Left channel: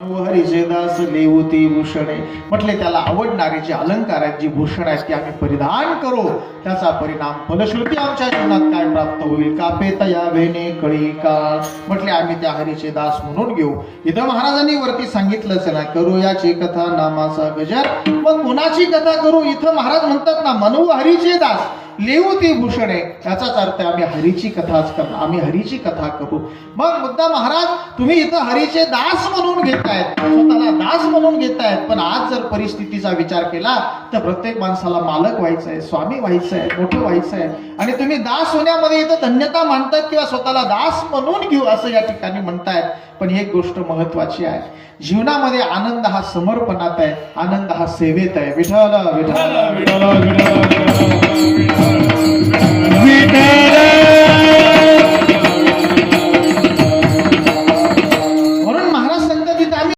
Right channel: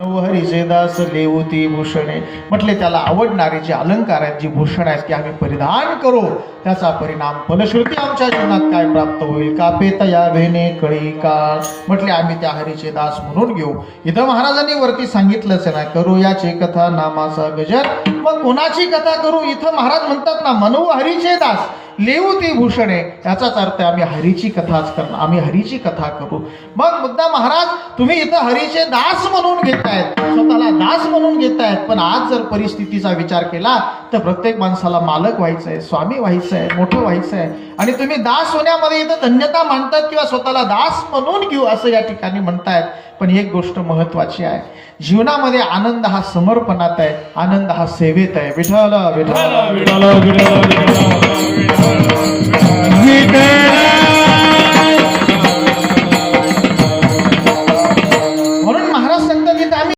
हरीचे दास लेवती भूषणे म्हटले त्याला आवडणारे जे अलंकार आहेत, जी भूषण आहेत ती आम्ही परिधान करू, त्याचा परिणाम फलश्रुती आमच्या जीवनात काय प्राप्त होईल का पेतया भेने कळी का. म्हटले आम्ही त्या हरीचे दास म्हणून घेऊ. इथं महाराजांनी वरती सांगितलंच ना, करू याची कथा नामाचा गजर. मग कोणाची कथा करू? इथं महाराज म्हणतात ना, मनवू हरीचे दास लेवती भूषणे, याचाच अर्थ आम्ही हरीची कथाच करणार, आम्ही हरीची कथा करू. मग मुद्दा महाराज तुम्ही इथं हरीचे दास म्हणून घेतायत, स्वतःला दास म्हणून घेतायत, पण आज जर परिस्थितीचा विचार केला तर प्रत्येक माणसाला मालक व्हायचंय, स्वामी व्हायचंय, मोठं व्हायचंय, आणि तुम्ही दास होण्यामध्ये इथं धन्यता मानतात किंवा स्वतःला दास म्हणून घेऊ असं या ठिकाणी म्हणतायत. पण एक गोष्ट महत्वाची आहे, जीवनामध्ये आनंद हा समर्पणात आहे, आनंद हा सेवेत आहे. विठ्ठल विठ्ठल विठ्ठल विठ्ठल.